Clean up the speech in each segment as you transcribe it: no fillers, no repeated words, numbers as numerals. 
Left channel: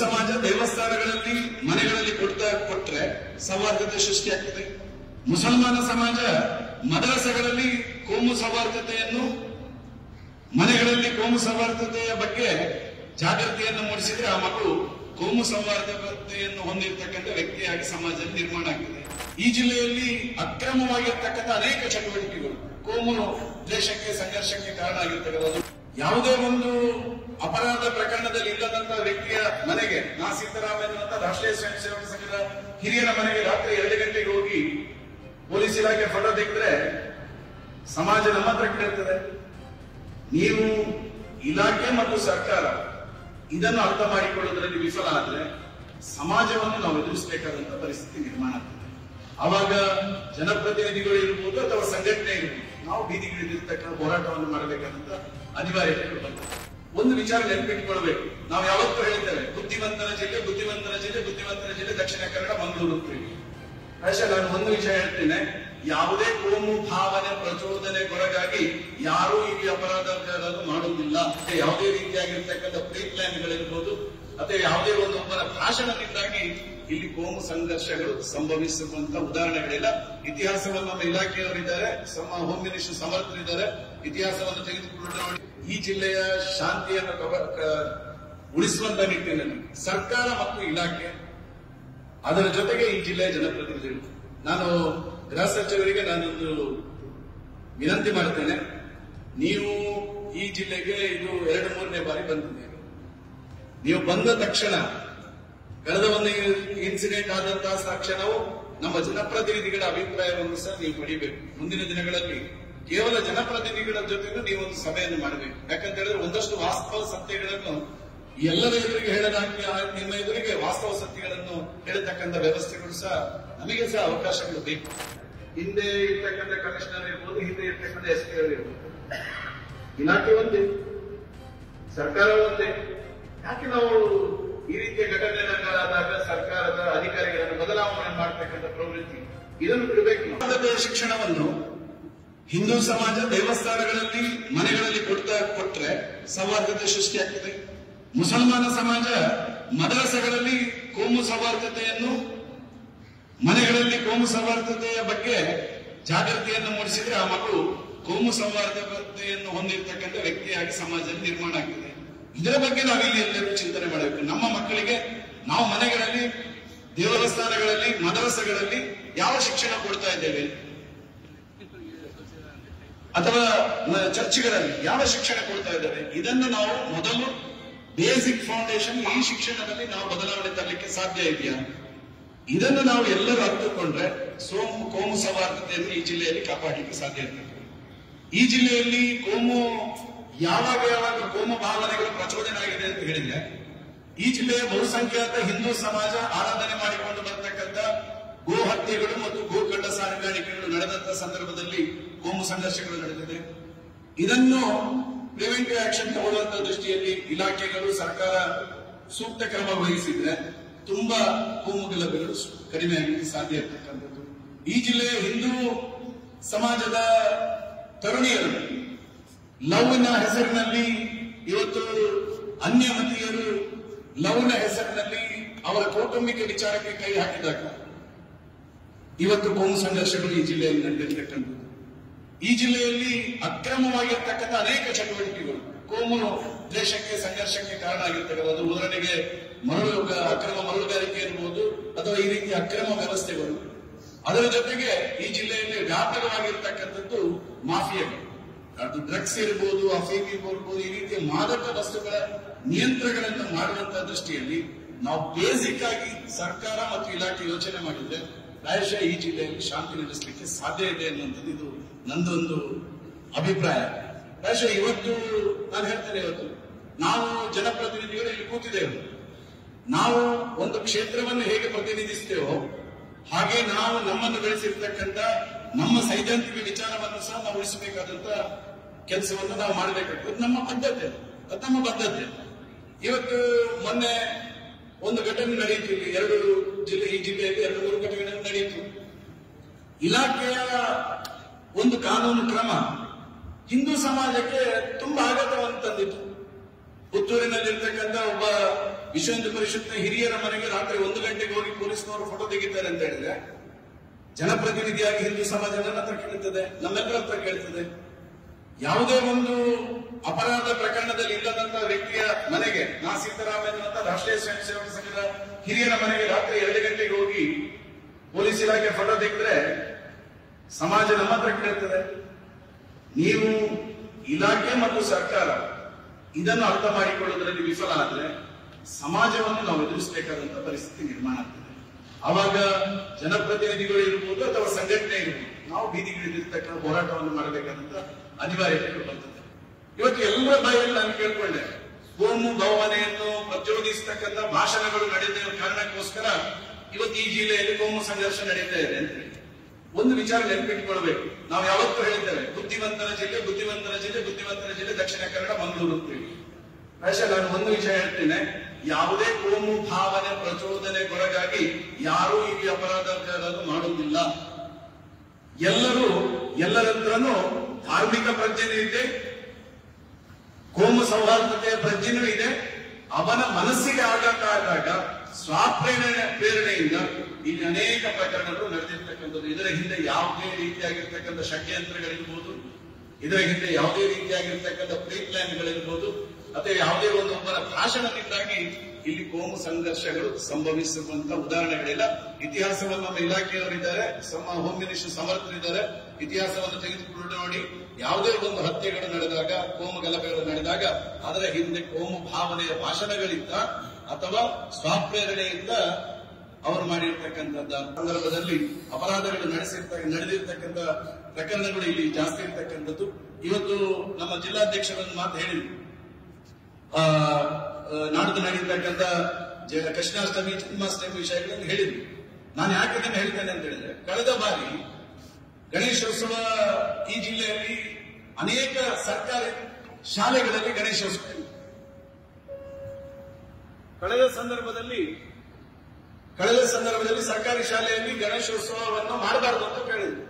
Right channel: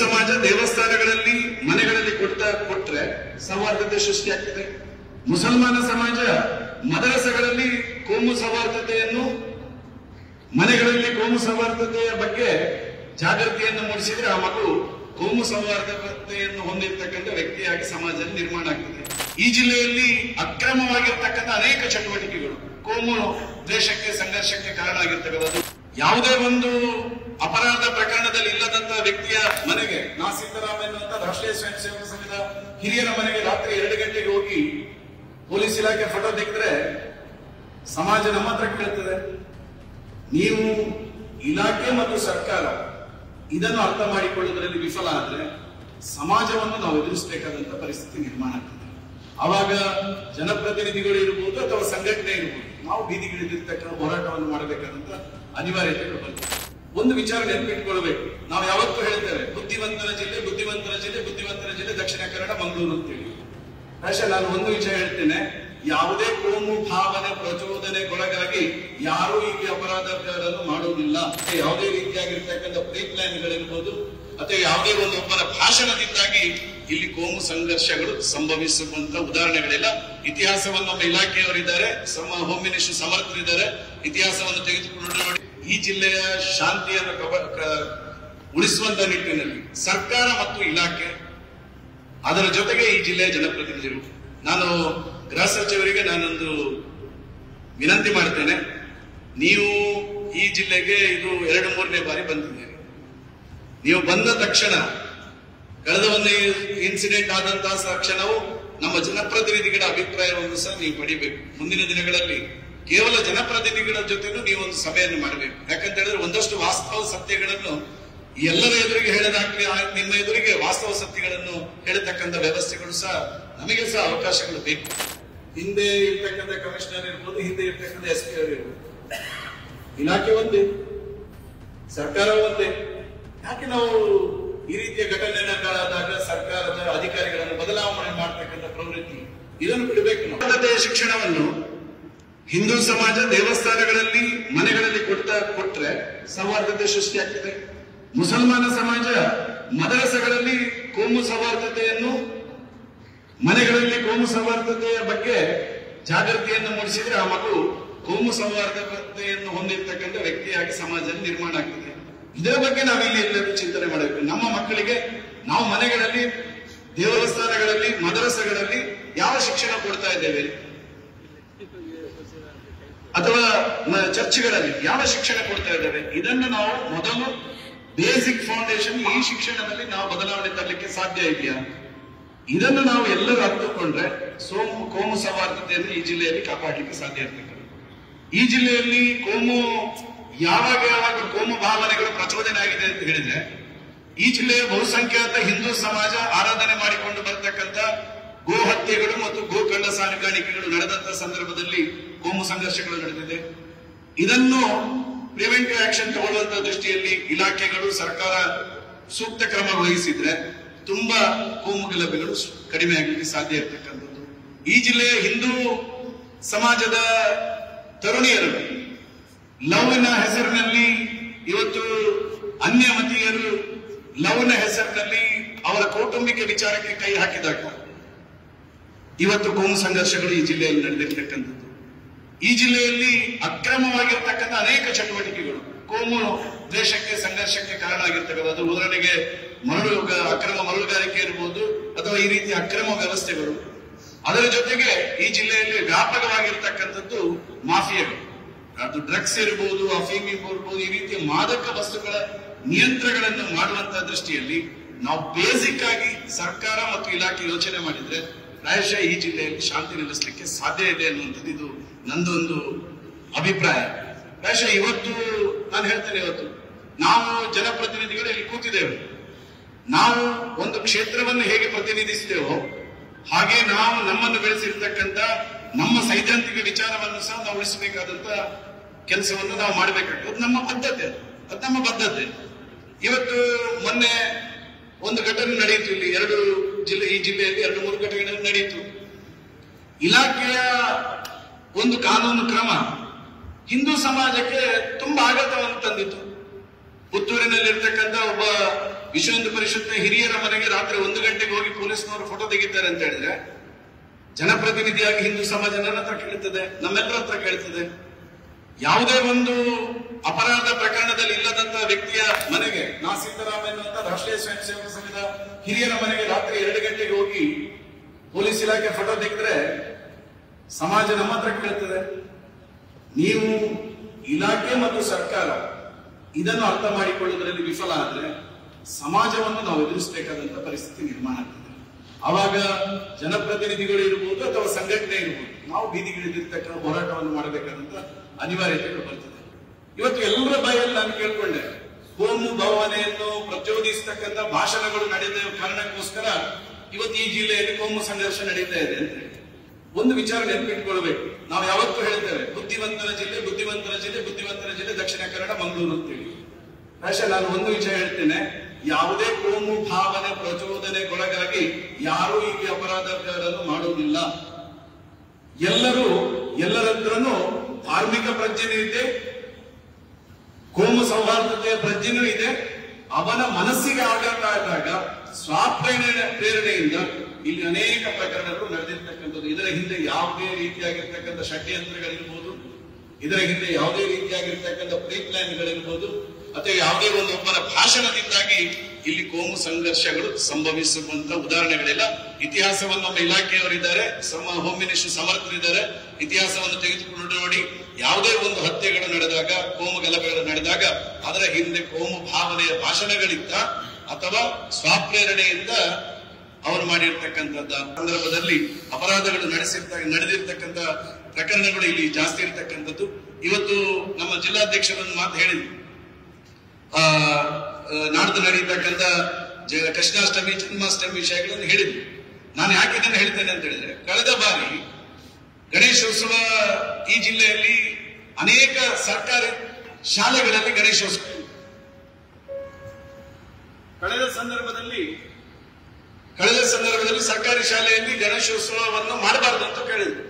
ಸಮಾಜ ದೇವಸ್ಥಾನಗಳಲ್ಲಿ ಮನೆಗಳಲ್ಲಿ ಕೊಟ್ಟರೆ ಸೌಹಾರ್ದತೆ ಸೃಷ್ಟಿಯಾಗ್ತದೆ. ಮುಸಲ್ಮಾನ ಸಮಾಜ ಮದರಸಗಳಲ್ಲಿ ಕೋಮು ಸೌಹಾರ್ದತೆಯನ್ನು, ಮನೆಗಳಲ್ಲಿ ಕೋಮು ಸೌಹಾರ್ದತೆಯ ಬಗ್ಗೆ ಜಾಗೃತಿಯನ್ನು ಮೂಡಿಸಿದ್ರೆ ಆ ಮಕ್ಕಳು ಕೋಮು ಸೌಹಾರ್ದತೆಯನ್ನು ಹೊಂದಿರತಕ್ಕಂಥ ವ್ಯಕ್ತಿಯಾಗಿ ಸಮಾಜದಲ್ಲಿ ನಿರ್ಮಾಣ ಆಗ್ತದೆ. ಈ ಜಿಲ್ಲೆಯಲ್ಲಿ ಅಕ್ರಮವಾಗಿರ್ತಕ್ಕಂಥ ಅನೇಕ ಚಟುವಟಿಕೆಗಳು ಕೋಮು ದ್ವೇಷಕ್ಕೆ, ಸಂಘರ್ಷಕ್ಕೆ ಕಾರಣ ಆಗಿರ್ತಕ್ಕಂಥದ್ದು. ಯಾವುದೇ ಒಂದು ಅಪರಾಧ ಪ್ರಕರಣದಲ್ಲಿ ಇಲ್ಲದಂತಹ ವ್ಯಕ್ತಿಯ ಮನೆಗೆ, ನಾ ಸೀತಾರಾಮ್ ಎನ್ನುವಂತ ರಾಷ್ಟ್ರೀಯ ಸ್ವಯಂ ಸೇವಕ ಸಂಘದ ಹಿರಿಯರ ಮನೆಗೆ ರಾತ್ರಿ 2 ಗಂಟೆಗೆ ಹೋಗಿ ಪೊಲೀಸ್ ಇಲಾಖೆ ಫೋಟೋ ತೆಗೆದ್ರೆ ಸಮಾಜ ನಮ್ಮ ಹತ್ರ ಕೇಳ್ತದೆ. ನೀವು ಇಲಾಖೆ ಮತ್ತು ಸರ್ಕಾರ ಇದನ್ನು ಅರ್ಥ ಮಾಡಿಕೊಳ್ಳುವುದರಲ್ಲಿ ವಿಫಲ ಆದ್ರೆ ಸಮಾಜವನ್ನು ನಾವು ಎದುರಿಸಬೇಕಾದಂತಹ ಪರಿಸ್ಥಿತಿ ನಿರ್ಮಾಣ ಆಗ್ತದೆ. ಆವಾಗ ಜನಪ್ರತಿನಿಧಿಗಳು ಇರಬಹುದು ಅಥವಾ ಸಂಘಟನೆ ಇರಬಹುದು, ನಾವು ಬೀದಿಗಿಳಿದಿರ್ತಕ್ಕಂಥ ಹೋರಾಟವನ್ನು ಮಾಡಬೇಕಾದಂತ ಅನಿವಾರ್ಯತೆ ಬರ್ತದೆ. ಒಂದು ವಿಚಾರ ನೆನಪಿಟ್ಕೊಳ್ಬೇಕು, ನಾವು ಯಾವತ್ತೂ ಹೇಳ್ತೇವೆ ಬುದ್ಧಿವಂತರ ಜಿಲ್ಲೆ, ಬುದ್ಧಿವಂತರ ಜಿಲ್ಲೆ, ಬುದ್ಧಿವಂತರ ಜಿಲ್ಲೆ ದಕ್ಷಿಣ ಕನ್ನಡ, ಮಂಗಳೂರು ಅಂತೇಳಿ. ಅಷ್ಟೇ ನಾನು ಒಂದು ವಿಷಯ ಹೇಳ್ತೇನೆ, ಯಾವುದೇ ಕೋಮು ಭಾವನೆ ಪ್ರಚೋದನೆಗೊಳಗಾಗಿ ಯಾರೂ ಇಲ್ಲಿ ಅಪರಾಧಗಳನ್ನು ಮಾಡುವುದಿಲ್ಲ. ಯಾವುದೇ ರೀತಿಯಾಗಿರ್ತಕ್ಕಂಥ ಪ್ರೀ ಪ್ಲಾನ್ಗಳಿರ್ಬೋದು ಅಥವಾ ಯಾವುದೇ ಒಂದು ಒಬ್ಬರ ಭಾಷಣದಿಂದಾಗಿ ಇಲ್ಲಿ ಕೋಮು ಸಂಘರ್ಷಗಳು ಸಂಭವಿಸುವಂತ ಉದಾಹರಣೆಗಳಿಲ್ಲ. ಇತಿಹಾಸವನ್ನು ನಮ್ಮ ಇಲಾಖೆಯವರಿದ್ದಾರೆ, ಹೋಮ್ ಮಿನಿಸ್ಟರ್ ಸಮರ್ಥರಿದ್ದಾರೆ, ಇತಿಹಾಸವನ್ನು ತೆಗೆದುಕೊಂಡು ನೋಡಿ. ಈ ಜಿಲ್ಲೆಯ ಶಾಂತಿಯನ್ನು ಉಳಿಸುವಂತ ನಿಟ್ಟಿನಲ್ಲಿ ಸರ್ಕಾರ ಮತ್ತು ಇಲಾಖೆ, ಅದರ ಜೊತೆಗೆ ಈ ಜಿಲ್ಲೆಯ ಜನಪ್ರತಿನಿಧಿಗಳು, ನಾನು ಗೃಹ ಸಚಿವರಿಗೆ ನಾನೊಂದು ವಿನಂತಿ ಮಾಡ್ತೇನೆ. ನೀವು ಈ ಜಿಲ್ಲೆಗೆ ಇದು 2-3ನೇ ಬಾರಿ ಬಂದಿದ್ದೀರಿ. ನೀವು ಬಂದ ತಕ್ಷಣ, ಕಳೆದ ಒಂದು ಇನ್ಸಿಡೆಂಟ್ ಆದಂತಹ ತಕ್ಷಣವೂ ನಮ್ಮ ಜನಪ್ರತಿನಿಧಿಗಳ ಅಭಿಪ್ರಾಯವನ್ನು ಸಹ ನೀವು ಪಡಿಬೇಕು. ಮುಂದಿನ ದಿನಗಳಲ್ಲಿ ಕೇವಲ ಜನಪ್ರತಿನಿಧಿಗಳ ಜೊತೆಗೂ ನೀವು ಒಂದು ಸಭೆಯನ್ನು ಮಾಡಬೇಕು. ಯಾಕಂತ ಹೇಳಿದ್ರೆ ಒಂದಷ್ಟು ವಾಸ್ತವ ಸತ್ಯಗಳನ್ನು ಎಲ್ಲರ ಎದುರಿಗೆ ಹೇಳದಾಗ್ಲಿ, ನಿಮ್ಮ ಎದುರಿಗೆ ವಾಸ್ತವ ಸತ್ಯಗಳನ್ನು ಹೇಳತಕ್ಕಂಥ ವ್ಯವಸ್ಥೆಗಳು ಸಹ ನಮಗೆ ಸಹ ಅವಕಾಶಗಳು ಬೇಕು. ಹಿಂದೆ ಇರ್ತಕ್ಕಂಥ ಕಮಿಷನರ್ ಇರ್ಬೋದು, ಹಿಂದೆ ಇರ್ತಕ್ಕಂಥ SP ಇರ್ಬೋದು, ಇಲಾಖೆ ಒಂದೇ, ಸರ್ಕಾರ ಒಂದೇ. ಯಾಕೆ ನಾವು ಈ ರೀತಿಯ ಘಟನೆಗಳಾದಾಗ ಸರ್ಕಾರದ ಅಧಿಕಾರಿಗಳನ್ನು ಬದಲಾವಣೆ ಮಾಡತಕ್ಕಂಥ ಪ್ರವೃತ್ತಿ ಇದನ್ನು ಬಿಡಬೇಕು. ನಾವು ಶಿಕ್ಷಣವನ್ನು ಹಿಂದೂ ಸಮಾಜ ದೇವಸ್ಥಾನಗಳಲ್ಲಿ ಮನೆಗಳಲ್ಲಿ ಕೊಟ್ಟರೆ ಸೌಹಾರ್ದತೆ ಸೃಷ್ಟಿಯಾಗ್ತದೆ. ಮುಸಲ್ಮಾನ ಸಮಾಜ ಮದರಸಗಳಲ್ಲಿ ಕೋಮು ಸೌಹಾರ್ದತೆಯನ್ನು, ಮನೆಗಳಲ್ಲಿ ಕೋಮು ಸೌಹಾರ್ದತೆಯ ಬಗ್ಗೆ ಜಾಗೃತಿಯನ್ನು ಮೂಡಿಸಿದ್ರೆ ಆ ಮಕ್ಕಳು ಕೋಮು ಸೌಹಾರ್ದತೆಯನ್ನು ಹೊಂದಿರತಕ್ಕಂಥ ವ್ಯಕ್ತಿಯಾಗಿ ಸಮಾಜದಲ್ಲಿ ನಿರ್ಮಾಣ ಆಗ್ತದೆ. ಇದರ ಬಗ್ಗೆ ನಾವಿಲ್ಲಿ ಎಲ್ಲರೂ ಚಿಂತನೆ ಮಾಡಬೇಕು. ನಮ್ಮ ಮಕ್ಕಳಿಗೆ ನಾವು ಮನೆಗಳಲ್ಲಿ, ದೇವಸ್ಥಾನಗಳಲ್ಲಿ, ಮದರಸಗಳಲ್ಲಿ ಯಾವ ಶಿಕ್ಷಣ ಕೊಡ್ತಾ ಇದ್ದೇವೆ, ಅಥವಾ ಚರ್ಚ್ಗಳಲ್ಲಿ ಯಾವ ಶಿಕ್ಷಣ ಕೊಡ್ತಾ ಇದ್ದೇವೆ, ಇದನ್ನು ನಾವು ಮೊದಲು ಬೇಸಿಕ್ ಫೌಂಡೇಶನ್, ಈ ಶಿಕ್ಷಣದಲ್ಲಿ ನಾವು ಬದಲಾವಣೆ ತರಲಿಕ್ಕೆ ಸಾಧ್ಯ ಇದೆಯಾ, ಇದನ್ನು ನಾವು ಎಲ್ಲರೂ ಅರ್ಥಕೊಂಡ್ರೆ ಕೋಮು ಸೌಹಾರ್ದತೆಯನ್ನು ಈ ಜಿಲ್ಲೆಯಲ್ಲಿ ಕಾಪಾಡಲಿಕ್ಕೆ ಸಾಧ್ಯ ಇರ್ತದೆ. ಈ ಜಿಲ್ಲೆಯಲ್ಲಿ ಯಾವಾಗ ಕೋಮು ಭಾವನೆಗಳು ಪ್ರಚೋದನೆ ಆಗಿದೆ ಅಂತ ಹೇಳಿದ್ರೆ, ಈ ಜಿಲ್ಲೆಯ ಬಹುಸಂಖ್ಯಾತ ಹಿಂದೂ ಸಮಾಜ ಆರಾಧನೆ ಮಾಡಿಕೊಂಡು ಬರತಕ್ಕಂಥ ಗೋ ಹತ್ಯೆಗಳು ಮತ್ತು ಗೋಕಳ್ಳ ಸಾಗಾಣಿಕೆಗಳು ನಡೆದಂತಹ ಸಂದರ್ಭದಲ್ಲಿ ಕೋಮು ಸಂಘರ್ಷಗಳು ನಡೆದಿದೆ. ಇದನ್ನು ಪ್ರಿವೆಂಟಿವ್ ಆಕ್ಷನ್ ತಗೊಳ್ಳುವಂತಹ ದೃಷ್ಟಿಯಲ್ಲಿ ಇಲಾಖೆಗಳು, ಸರ್ಕಾರ ಸೂಕ್ತ ಕ್ರಮ ವಹಿಸಿದ್ರೆ ತುಂಬಾ ಕೋಮು ಗಲಭೆಗಳು ಕಡಿಮೆ ಆಗಲಿಕ್ಕೆ ಸಾಧ್ಯ ಇರತಕ್ಕಂಥದ್ದು. ಈ ಜಿಲ್ಲೆಯ ಹಿಂದೂ ಸಮಾಜದ ತರುಣಿಯರು ಲವ್ನ ಹೆಸರಿನಲ್ಲಿ ಇವತ್ತು ಅನ್ಯಮತೀಯರು ಲವ್ನ ಹೆಸರಿನಲ್ಲಿ ಅವರ ಕೌಟುಂಬಿಕ ವಿಚಾರಕ್ಕೆ ಕೈ ಹಾಕಿದಾಗ ಇವತ್ತು ಕೋಮು ಸಂಘರ್ಷಗಳು ಈ ಜಿಲ್ಲೆಯಲ್ಲಿ ನಡೆದಿರ್ತಕ್ಕಂಥದ್ದು. ಈ ಜಿಲ್ಲೆಯಲ್ಲಿ ಅಕ್ರಮವಾಗಿರ್ತಕ್ಕಂಥ ಅನೇಕ ಚಟುವಟಿಕೆಗಳು ಕೋಮು ದ್ವೇಷಕ್ಕೆ, ಸಂಘರ್ಷಕ್ಕೆ ಕಾರಣ ಆಗಿರ್ತಕ್ಕಂಥದ್ದು. ಉದಾಹರಣೆಗೆ ಅಕ್ರಮ ಮರಳುಗಾರಿಕೆ ಇರಬಹುದು ಅಥವಾ ಈ ರೀತಿಯ ಅಕ್ರಮ ವ್ಯವಸ್ಥೆಗಳು. ಅದರ ಜೊತೆಗೆ ಈ ಜಿಲ್ಲೆಯಲ್ಲಿ ವ್ಯಾಪಕವಾಗಿರ್ತಕ್ಕಂಥದ್ದು ಮಾಫಿಯಾಗಳು, ಅದು ಡ್ರಗ್ಸ್ ಇರಬಹುದು, ಅಫೀಮ್ ಇರಬಹುದು, ಈ ರೀತಿಯ ಮಾದಕ ವಸ್ತುಗಳ ನಿಯಂತ್ರಣಗಳನ್ನು ಮಾಡುವಂತಹ ದೃಷ್ಟಿಯಲ್ಲಿ ನಾವು ಬೇಸಿಕ್ ಆಗಿ ಸರ್ಕಾರ ಮತ್ತು ಇಲಾಖೆ ಯೋಚನೆ ಮಾಡಿದ್ರೆ ಪ್ರಾಯಶಃ ಈ ಜಿಲ್ಲೆಯಲ್ಲಿ ಶಾಂತಿ ನೆಲೆಸಲಿಕ್ಕೆ ಸಾಧ್ಯ ಇದೆ ಅನ್ನುವಂಥದ್ದು ಇದು ನಂದೊಂದು ಅಭಿಪ್ರಾಯ. ಪ್ರಾಯಶಃ ಇವತ್ತು ನಾನು ಹೇಳ್ತೇನೆ, ಇವತ್ತು ನಾವು ಜನಪ್ರತಿನಿಧಿಗಳು ಇಲ್ಲಿ ಕೂತಿದ್ದೇವೆ, ನಾವು ಒಂದು ಕ್ಷೇತ್ರವನ್ನು ಹೇಗೆ ಪ್ರತಿನಿಧಿಸ್ತೇವೋ ಹಾಗೆ ನಾವು ನಮ್ಮನ್ನು ಬೆಳೆಸಿರ್ತಕ್ಕಂಥ ನಮ್ಮ ಸೈದ್ಧಾಂತಿಕ ವಿಚಾರವನ್ನು ಸಹ ನಾವು ಉಳಿಸಬೇಕಾದಂತ ಕೆಲಸವನ್ನು ನಾವು ಮಾಡಬೇಕಾಗ್ತದೆ. ಅದು ನಮ್ಮ ಬದ್ಧತೆ. ಇವತ್ತು ಮೊನ್ನೆ ಒಂದು ಘಟನೆ ನಡೆಯಿತು, ಇಲ್ಲಿ ಈ ಜಿಲ್ಲೆಯಲ್ಲಿ 2-3 ಘಟನೆಗಳು ನಡೆಯಿತು. ಇಲಾಖೆಯ ಒಂದು ಕಾನೂನು ಕ್ರಮ ಹಿಂದೂ ಸಮಾಜಕ್ಕೆ ತುಂಬಾ ಆಘಾತವನ್ನು ತಂದಿತ್ತು. ಪುತ್ತೂರಿನಲ್ಲಿರ್ತಕ್ಕಂಥ ಒಬ್ಬ ವಿಶ್ವ ಹಿಂದೂ ಪರಿಷತ್ನ ಹಿರಿಯರ ಮನೆಗೆ ರಾತ್ರಿ 1 ಗಂಟೆಗೆ ಹೋಗಿ ಪೊಲೀಸ್ನವರು ಫೋಟೋ ತೆಗಿತಾರೆ ಅಂತ ಹೇಳಿದ್ರೆ ಜನಪ್ರತಿನಿಧಿಯಾಗಿ ಹಿಂದೂ ಸಮಾಜ ನನ್ನ ಹತ್ರ ಕೇಳ್ತದೆ, ನಮ್ಮೆಲ್ಲರ ಹತ್ರ ಕೇಳ್ತದೆ. ಯಾವುದೇ ಒಂದು ಅಪರಾಧ ಪ್ರಕರಣದಲ್ಲಿ ಇಲ್ಲದಂತಹ ವ್ಯಕ್ತಿಯ ಮನೆಗೆ, ನಾ ಸೀತಾರಾಮ್ ಎನ್ನುವಂತ ರಾಷ್ಟ್ರೀಯ ಸ್ವಯಂ ಸೇವಕ ಸಂಘದ ಹಿರಿಯರ ಮನೆಗೆ ರಾತ್ರಿ 2 ಗಂಟೆಗೆ ಹೋಗಿ ಪೊಲೀಸ್ ಇಲಾಖೆ ಫೋಟೋ ತೆಗೆದ್ರೆ ಸಮಾಜ ನಮ್ಮ ಹತ್ರ ಕೇಳ್ತದೆ. ನೀವು ಇಲಾಖೆ ಮತ್ತು ಸರ್ಕಾರ ಇದನ್ನು ಅರ್ಥ ಮಾಡಿಕೊಳ್ಳುವುದರಲ್ಲಿ ವಿಫಲ ಆದ್ರೆ ಸಮಾಜವನ್ನು ನಾವು ಎದುರಿಸಬೇಕಾದಂತಹ ಪರಿಸ್ಥಿತಿ ನಿರ್ಮಾಣ ಆಗ್ತದೆ. ಆವಾಗ ಜನಪ್ರತಿನಿಧಿಗಳು ಇರಬಹುದು ಅಥವಾ ಸಂಘಟನೆ ಇರಬಹುದು, ನಾವು ಬೀದಿಗಿಳಿದಿರ್ತಕ್ಕಂಥ ಹೋರಾಟವನ್ನು ಮಾಡಬೇಕಾದಂತ ಅನಿವಾರ್ಯತೆ ಬರ್ತದೆ. ಇವತ್ತು ಎಲ್ಲರ ಬಾಯಲ್ಲಿ ನಾನು ಕೇಳ್ಕೊಂಡೆ, ಕೋಮು ಭಾವನೆಯನ್ನು ಪ್ರಚೋದಿಸತಕ್ಕಂಥ ಭಾಷಣಗಳು ನಡೆದ ಕಾರಣಕ್ಕೋಸ್ಕರ ಇವತ್ತು ಈ ಜಿಲ್ಲೆಯಲ್ಲಿ ಕೋಮು ಸಂಘರ್ಷ ನಡೀತಾ ಇದೆ ಅಂತ ಹೇಳಿ ಒಂದು ವಿಚಾರ ನೆನಪಿಟ್ಕೊಳ್ಬೇಕು. ನಾವು ಯಾವತ್ತೂ ಹೇಳ್ತೇವೆ ಬುದ್ಧಿವಂತರ ಜಿಲ್ಲೆ, ಬುದ್ಧಿವಂತರ ಜಿಲ್ಲೆ, ಬುದ್ಧಿವಂತರ ಜಿಲ್ಲೆ ದಕ್ಷಿಣ ಕನ್ನಡ, ಮಂಗಳೂರು ಅಂತೇಳಿ. ಪ್ರಾಯಶಃ ನಾನು ಒಂದು ವಿಷಯ ಹೇಳ್ತೇನೆ, ಯಾವುದೇ ಕೋಮು ಭಾವನೆ ಪ್ರಚೋದನೆಗೊಳಗಾಗಿ ಯಾರೂ ಇಲ್ಲಿ ಅಪರಾಧಗಳನ್ನು ಮಾಡುವುದಿಲ್ಲ. ಎಲ್ಲರತ್ರನೂ ಧಾರ್ಮಿಕ ಪ್ರಜ್ಞೆನೂ ಇದೆ, ಕೋಮು ಸೌಹಾರ್ದತೆಯ ಪ್ರಜ್ಞೆನೂ ಇದೆ. ಅವನ ಮನಸ್ಸಿಗೆ ಆಘಾತ ಆದಾಗ ಪ್ರೇರಣೆಯಿಂದ ಇಲ್ಲಿ ಅನೇಕ ಪ್ರಕರಣಗಳು ನಡೆದಿರ್ತಕ್ಕಂಥದ್ದು. ಇದರ ಹಿಂದೆ ಯಾವುದೇ ರೀತಿಯಾಗಿರ್ತಕ್ಕಂಥ ಷಡ್ಯಂತ್ರಗಳಿರ್ಬೋದು, ಇದರ ಹಿಂದೆ ಯಾವುದೇ ರೀತಿಯಾಗಿರ್ತಕ್ಕಂಥ ಪ್ರೀ ಪ್ಲಾನ್ಗಳಿರ್ಬೋದು, ಅಥವಾ ಯಾವುದೇ ಒಬ್ಬರ ಭಾಷಣದಿಂದಾಗಿ ಇಲ್ಲಿ ಕೋಮು ಸಂಘರ್ಷಗಳು ಸಂಭವಿಸುವಂತ ಉದಾಹರಣೆಗಳಿಲ್ಲ. ಇತಿಹಾಸವನ್ನು ನಮ್ಮ ಇಲಾಖೆಯವರಿದ್ದಾರೆ, ಹೋಮ್ ಮಿನಿಸ್ಟರ್ ಸಮರ್ಥರಿದ್ದಾರೆ. ಇತಿಹಾಸವನ್ನು ತೆಗೆದುಕೊಂಡು ನೋಡಿ, ಯಾವುದೇ ಒಂದು ಹತ್ಯೆಗಳು ನಡೆದಾಗ, ಕೋಮು ಗಲಭೆಗಳು ನಡೆದಾಗ ಅದರ ಹಿಂದೆ ಕೋಮು ಭಾವನೆಯ ಭಾಷಣಗಳಿಂದ ಅಥವಾ ಸ್ವಪ್ರೇರಣೆಯಿಂದ ಅವರು ಮಾಡಿರ್ತಕ್ಕಂಥದ್ದ ಸಂದರ್ಭದಲ್ಲಿ ಅಪರಾಧಗಳು ನಡೆದಿರ್ತಕ್ಕಂಥ ಪ್ರಕರಣಗಳು ಇಲ್ಲಿ ಜಾಸ್ತಿ ಇರತಕ್ಕಂಥದ್ದು. ಇವತ್ತು ನಮ್ಮ ಜಿಲ್ಲಾಧ್ಯಕ್ಷರನ್ನು ಮಾತು ಹೇಳಿದ್ರು, ನಾಡ್ದು ನಡೆಯತಕ್ಕಂಥ ಕೃಷ್ಣಾಷ್ಟಮಿ, ಜನ್ಮಾಷ್ಟಮಿ ವಿಷಯಗಳನ್ನು ಹೇಳಿದ್ರು. ನಾನು ಯಾಕೆ ಇದನ್ನು ಹೇಳ್ತೇನೆ ಅಂತ ಹೇಳಿದ್ರೆ, ಕಳೆದ ಬಾರಿ ಗಣೇಶೋತ್ಸವ ಈ ಜಿಲ್ಲೆಯಲ್ಲಿ ಅನೇಕ ಸರ್ಕಾರಿ ಶಾಲೆಗಳಲ್ಲಿ ಗಣೇಶೋತ್ಸವ ಕಳೆದ ಸಂದರ್ಭದಲ್ಲಿ ಸರ್ಕಾರಿ ಶಾಲೆಯಲ್ಲಿ ಗಣೇಶೋತ್ಸವವನ್ನು ಮಾಡಬಾರದು ಅಂತ ಕೇಳಿದ್ರು.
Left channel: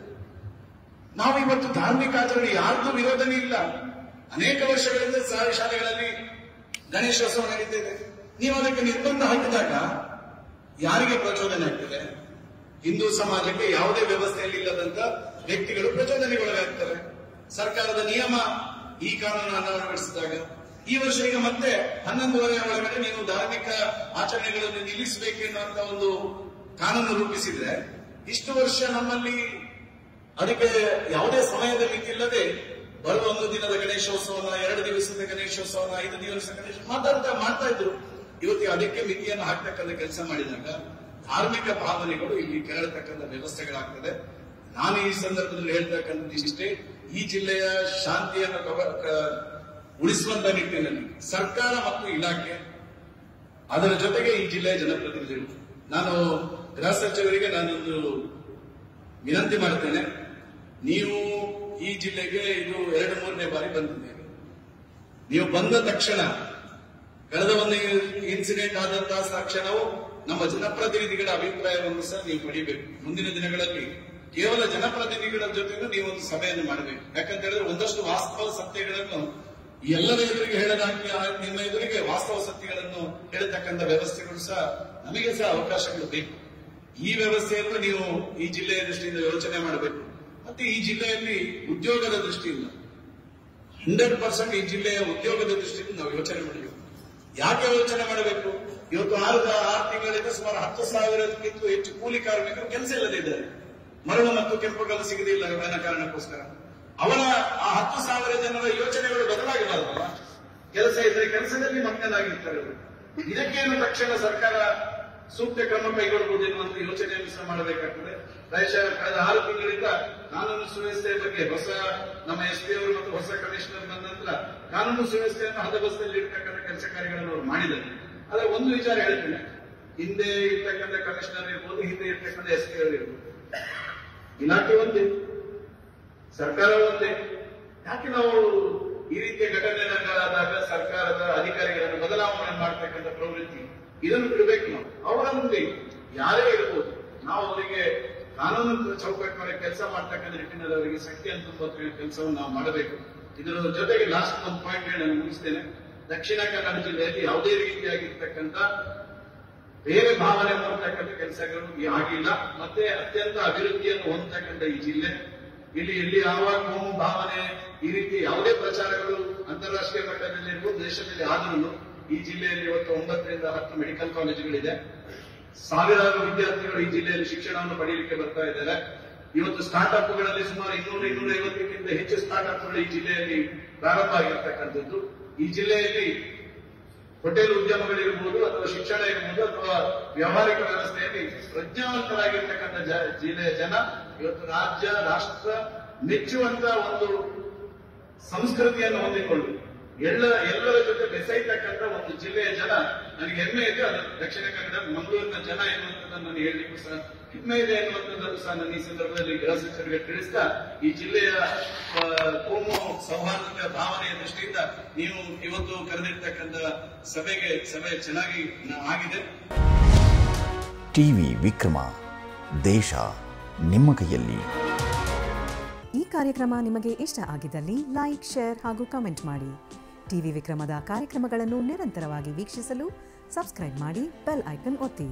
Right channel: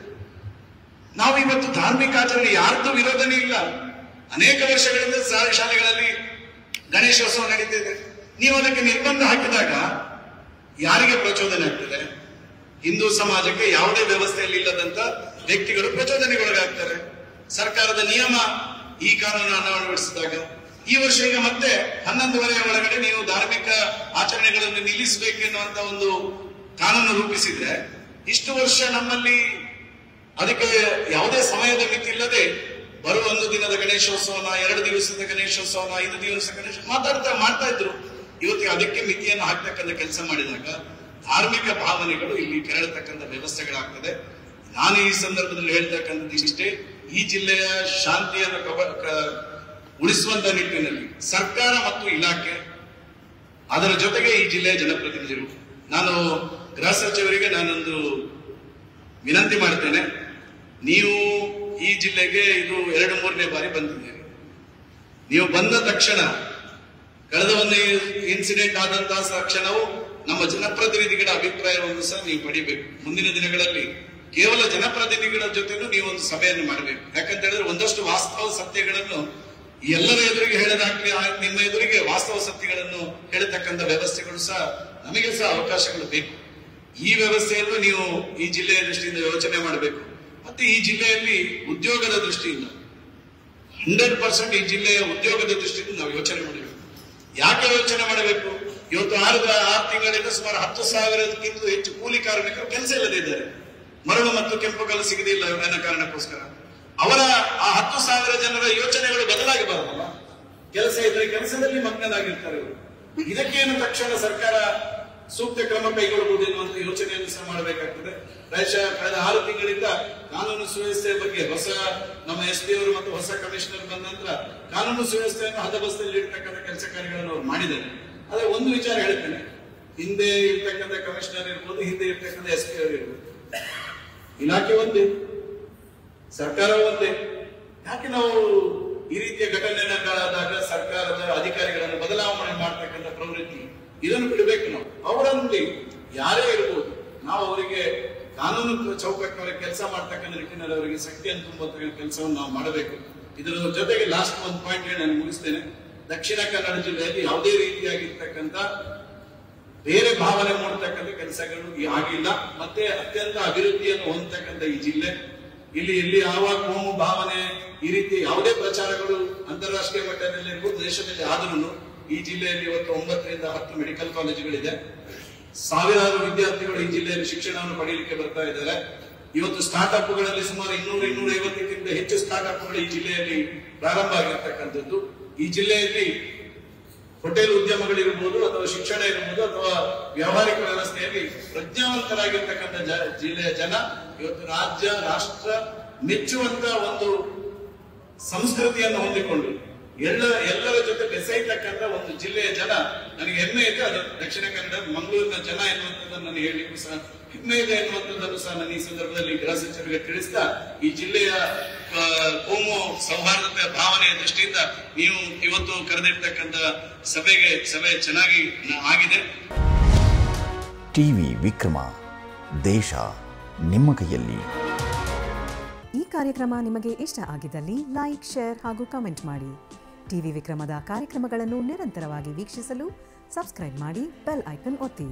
ನಾವು ಇವತ್ತು ಧಾರ್ಮಿಕ ಆಚರಣೆ ಯಾರ್ದು ವಿರೋಧನೇ ಇಲ್ಲ. ಅನೇಕ ವರ್ಷಗಳಿಂದ ಶಾಲೆಗಳಲ್ಲಿ ಗಣೇಶೋತ್ಸವ ನಡೀತಿದೆ. ನೀವು ಅದಕ್ಕೆ ನಿರ್ಬಂಧ ಹಾಕಿದಾಗ ಯಾರಿಗೆ ಪ್ರಚೋದನೆ ಆಗ್ತದೆ? ಹಿಂದೂ ಸಮಾಜಕ್ಕೆ ಯಾವುದೇ ವ್ಯವಸ್ಥೆಯಲ್ಲಿ ಇಲ್ಲದಂತ ವ್ಯಕ್ತಿಗಳು ಪ್ರಚೋದನೆಗೊಳಗಾಗ್ತಾರೆ. ಸರ್ಕಾರದ ನಿಯಮ ಈ ಕಾನೂನನ್ನು ಅಳವಡಿಸಿದಾಗ ಈ ವರ್ಷ ಈಗ ಮತ್ತೆ 11:30 ಒಳಗಡೆ ನೀವು ಧಾರ್ಮಿಕ ಆಚರಣೆಗಳನ್ನು ನಿಲ್ಲಿಸಬೇಕೆನ್ನುವಂತ ಒಂದು ಕಾನೂನು ರೂಪಿಸಿದ್ರೆ, ಇಷ್ಟು ವರ್ಷ ನಮ್ಮಲ್ಲಿ ಅದಕ್ಕೆ ಯಾವುದೇ ಸಮಯದ ಮಿತಿ ಇಲ್ಲದೆ ಬರುವ 1 ದಿನದ ಗಣೇಶೋತ್ಸವನ, 2 ದಿವಸದ ಗಣೇಶೋತ್ಸವನ, 5 ದಿವಸ ಗಣೇಶ ಮಾಡ್ತಾ ಇದ್ರು. ಇವತ್ತಿಗೆ ಅದಕ್ಕೆ ಮಿತಿಯನ್ನು ಹಾಕ್ತಕ್ಕಂಥ ಕೆಲಸ ಮಾಡಿದಾಗ ಧಾರ್ಮಿಕ ಭಾವನೆಗಳು ಇಲ್ಲಿ ಕೆರಳತಕ್ಕಂಥ ವ್ಯವಸ್ಥೆಗಳಾಗ್ತದೆ. ನಾನು ಈ ಸಂದರ್ಭದಲ್ಲಿ ಹೇಳ್ತಕ್ಕಂಥದ್ದು ಇಷ್ಟೇ, ಈ ಜಿಲ್ಲೆಯ ಶಾಂತಿಯನ್ನು ಉಳಿಸುವಂತ ನಿಟ್ಟಿನಲ್ಲಿ ಸರ್ಕಾರ ಮತ್ತು ಇಲಾಖೆ, ಅದರ ಜೊತೆಗೆ ಈ ಜಿಲ್ಲೆಯ ಜನಪ್ರತಿನಿಧಿಗಳು, ನಾನು ಗೃಹ ಸಚಿವರಿಗೆ ನಾನೊಂದು ವಿನಂತಿ ಮಾಡ್ತೇನೆ. ನೀವು ಈ ಜಿಲ್ಲೆಗೆ ಇದು 2-3ನೇ ಬಾರಿ ಬಂದಿದ್ದೀರಿ. ನೀವು ಬಂದ ತಕ್ಷಣ, ಕಳೆದ ಒಂದು ಇನ್ಸಿಡೆಂಟ್ ಆದಂತಹ ತಕ್ಷಣವೂ ನಮ್ಮ ಜನಪ್ರತಿನಿಧಿಗಳ ಅಭಿಪ್ರಾಯವನ್ನು ಸಹ ನೀವು ಪಡಿಬೇಕು. ಮುಂದಿನ ದಿನಗಳಲ್ಲಿ ಕೇವಲ ಜನಪ್ರತಿನಿಧಿಗಳ ಜೊತೆಗೂ ನೀವು ಒಂದು ಸಭೆಯನ್ನು ಮಾಡಬೇಕು. ಯಾಕಂತ ಹೇಳಿದ್ರೆ ಒಂದಷ್ಟು ವಾಸ್ತವ ಸತ್ಯಗಳನ್ನು ಎಲ್ಲರ ಎದುರಿಗೆ ಹೇಳದಾಗ್ಲಿ, ನಿಮ್ಮ ಎದುರಿಗೆ ವಾಸ್ತವ ಸತ್ಯಗಳನ್ನು ಹೇಳತಕ್ಕಂಥ ವ್ಯವಸ್ಥೆಗಳು ಸಹ ನಮಗೆ ಸಹ ಅವಕಾಶಗಳು ಬೇಕು. ಈ ವ್ಯವಸ್ಥೆಯನ್ನು ನೀವು ಈ ಜಿಲ್ಲೆಯ ದೃಷ್ಟಿಯಿಂದ ಯೋಚನೆ ಮಾಡಬೇಕು. ಮತ್ತೆ ಈ ಜಿಲ್ಲೆಯಲ್ಲಿ ಉದ್ಯೋಗದ ದೃಷ್ಟಿಯಿಂದ 100% ಈ ಜಿಲ್ಲೆಯ ಉದ್ಯೋಗದ ದೃಷ್ಟಿಯಿಂದ ನಾವು ಯೋಚನೆ ಮಾಡಬೇಕು. ಯಾಕೆ ಯೋಚನೆ ಮಾಡಬೇಕು? ಇವತ್ತು 6 ತಿಂಗಳಿಂದ ಸುಮಾರು 10,000ಕ್ಕಿಂತ ಹೆಚ್ಚು ಕೂಲಿ ಕಾರ್ಮಿಕರು ಕೆಲಸ ಇಲ್ಲದೆ ಇದ್ದಾರೆ. ಮರಳು ಮತ್ತು ಕೆಂಪು ಕಲ್ಲು ಸಿಗದಿಲ್ಲ ಅನ್ನೋ ಕಾರಣಕ್ಕೋಸ್ಕರ ಅವರ ಆ 10,000 ಜನರ ಯೋಚನೆಗಳು ಬದಲಾಗಬಾರದಲ್ಲ. ಕೆಲಸ ಇದ್ರೆ ಕೆಲಸದಲ್ಲಿ ಮಗ್ನರಾಗಿರ್ತಾರೆ. ಇದಕ್ಕೇನು ತಕ್ಷಣ ಸರ್ಕಾರ ಸೂಕ್ತ ಕ್ರಮ ಕೈಗೊಳ್ಳಬಹುದು ಎನ್ನುವಂತ ಯೋಚನೆಯನ್ನು ಸಹ ಮಾಡಬೇಕಾಗ್ತದೆ. ಪ್ರಾಯಶಃ ಕಳೆದ 6 ತಿಂಗಳಿಂದ ಕಾನೂನು ಸುವ್ಯವಸ್ಥೆಯ ಬಗ್ಗೆ ನಮ್ಮ SP ಅವರು ಮತ್ತು ಹೊಸ ಕಮಿಷನರ್ ಬಂದ ನಂತರ ಕಾನೂನು ಸುವ್ಯವಸ್ಥೆಯನ್ನು ಹದಬಸ್ತಲ್ಲಿ ಇರ್ತಕ್ಕಂಥ ಕೆಲಸ ಕಾರ್ಯಗಳನ್ನು ಅವರು ಮಾಡಿದ್ದಾರೆ. ಆದ್ರೆ ಒಂದು ವಿಚಾರ ಹೇಳ್ತೇನೆ, ಹಿಂದೆ ಇರ್ತಕ್ಕಂಥ ಕಮಿಷನರ್ ಇರ್ಬೋದು, ಹಿಂದೆ ಇರ್ತಕ್ಕಂಥ SP ಅವರು ಇರ್ಬೋದು, ಇಲಾಖೆ ಒಂದೇ, ಸರ್ಕಾರ ಒಂದೇ. ಯಾಕೆ ನಾವು ಈ ರೀತಿಯ ಘಟನೆಗಳಾದಾಗ ಸರ್ಕಾರದ ಅಧಿಕಾರಿಗಳನ್ನು ಬದಲಾವಣೆ ಮಾಡ್ತಕ್ಕಂಥ ಪ್ರವೃತ್ತಿ ಇದನ್ನು ಬಿಡಬೇಕು. ನಾವು ಅವರಲ್ಲಿ ಯಾರೇ ಇರ್ಬೋದು, ನಾವು ಅವರಿಗೆ ಕಾನೂನು ಚೌಕಟ್ಟಿನವರಿಗೆ ಕೆಲಸ ಮಾಡ್ತಕ್ಕಂಥ ನಿಟ್ಟಿನಲ್ಲಿ ಅವರಿಗೆ ಶಕ್ತಿಯನ್ನು ತುಂಬುವಂತ ಕೆಲಸವನ್ನು ನಾವು ಮಾಡಬೇಕು. ಇದರ ಜೊತೆಗೆ ಲಾಸ್ಟ್ ಒಂದು ಪಾಯಿಂಟ್ ಹೇಳಿ ನಾನು ಮುಗಿಸ್ತೇನೆ. ದಕ್ಷಿಣ ಕನ್ನಡ ಜಿಲ್ಲೆಯಲ್ಲಿ ಯಾವುದೇ ರೀತಿಯಾಗಿರ್ತಕ್ಕಂಥ ಬೇರೆ ಭಾವನೆ ಮೂಡ್ತಕ್ಕಂಥ ಕೆಲಸಗಳು ಆಗಿಲ್ಲ. ಮತ್ತೆ ಅತ್ಯಂತ ಅಭಿವೃದ್ಧಿಯನ್ನು ಹೊಂದತಕ್ಕಂಥ ಈ ಜಿಲ್ಲೆ, ಇಲ್ಲಿ ಯಾವ ಕೋಮು ಭಾವನೆ ಈ ರೀತಿ ಯಾವುದೇ ಪ್ರಚಾರಗಳು ಅಂತಾರಾಷ್ಟ್ರೀಯ ಮಟ್ಟದಲ್ಲಿ ದೇಶದಲ್ಲಿ ಆದ್ರೂ ಈ ಜಿಲ್ಲೆಯಲ್ಲಿ ಇವತ್ತು 9 ರಿಂದ 10 ಮೆಡಿಕಲ್ ಕಾಲೇಜುಗಳಿದೆ. ಸಾವಿರಾರು ವಿದ್ಯಾರ್ಥಿಗಳು ಈ ಜಿಲ್ಲೆಯಲ್ಲಿ ಶಿಕ್ಷಣವನ್ನು ಪಡೆಯಲಿಕ್ಕೆ ಬರ್ತಾ ಇದ್ದಾರೆ. ಇವತ್ತು ಸ್ಟಾರ್ಟ್ಅಪ್ಗಳಲ್ಲಿ ಸುಮಾರು 200-250ಕ್ಕಿಂತ ಹೆಚ್ಚು ಸ್ಟಾರ್ಟ್ಅಪ್ಗಳು ಈ ಜಿಲ್ಲೆಯಲ್ಲಿ ಪ್ರಾರಂಭ ಆಗಿರ್ತಕ್ಕಂಥದ್ದು. ಈ ಜಿಲ್ಲೆಯಲ್ಲಿ ಹೋಟೆಲ್ ಉದ್ಯಮಗಳಿರ್ಬೋದು ಅಥವಾ ಶಿಕ್ಷಣ ಇರ್ಬೋದು ಅಥವಾ ವ್ಯಾವಹಾರಿಕ ವ್ಯವಸ್ಥೆಯಲ್ಲಿ ಪ್ರಜ್ಞಾವಂತರಾಗಿರ್ತಕ್ಕಂಥ ಜಿಲ್ಲೆಯ ಜನ ಇವತ್ತು ರಾಜ್ಯ ರಾಷ್ಟ್ರ ಮೆಚ್ಚುವಂತ ಒಂದು ಸಂಸ್ಕೃತಿಯನ್ನು ಹೊಂದಿಕೊಂಡು ಎಲ್ಲರ ಜೊತೆ ಬೆಸೆಯತಕ್ಕಂಥ ಒಂದು ಜಿಲ್ಲೆಯ ಜನ ನನಗೆ ಹೆಮ್ಮೆ ಇದೆ. ಅದು ದಕ್ಷಿಣ ಕನ್ನಡ ಮಂಗಳೂರಿನ ಜನ ಎನ್ನುವಂಥದ್ದನ್ನು ನಾನು ಹೇಳಲಿಕ್ಕೂ ಸಹ ಹೆಮ್ಮೆ ಇದೆ ಎನ್ನುವಂಥದ್ದನ್ನು ಸಹ ನಾನು ಈ ಸಂದರ್ಭದಲ್ಲಿ ಗೃಹ ಸಚಿವರಿಗೆ ತಿಳಿಸ್ತಾ, ಈ ಜಿಲ್ಲೆಯ ಕೋಮು ಸೌಹಾರ್ದತೆಯ ಭಾವನೆಯ ದೃಷ್ಟಿಯಿಂದ ನೀವು ಇವತ್ತು ಕರೆದಿರ್ತಕ್ಕಂಥ ಸಭೆ ಚೆನ್ನಾಗಿ ಆಗಿದೆ. ಟಿವಿ ವಿಕ್ರಮ, ದೇಶ ನಿಮ್ಮ ಕೈಯಲ್ಲಿ. ಈ ಕಾರ್ಯಕ್ರಮ ನಿಮಗೆ ಇಷ್ಟ ಆಗಿದ್ದಲ್ಲಿ ಲೈಕ್, ಶೇರ್ ಹಾಗೂ ಕಮೆಂಟ್ ಮಾಡಿ. ಟಿವಿ ವಿಕ್ರಮದ ಕಾರ್ಯಕ್ರಮಗಳನ್ನು ನಿರಂತರವಾಗಿ ವೀಕ್ಷಿಸಲು ಸಬ್ಸ್ಕ್ರೈಬ್ ಮಾಡಿ, ಬೆಲ್ ಐಕನ್ ಒತ್ತಿ.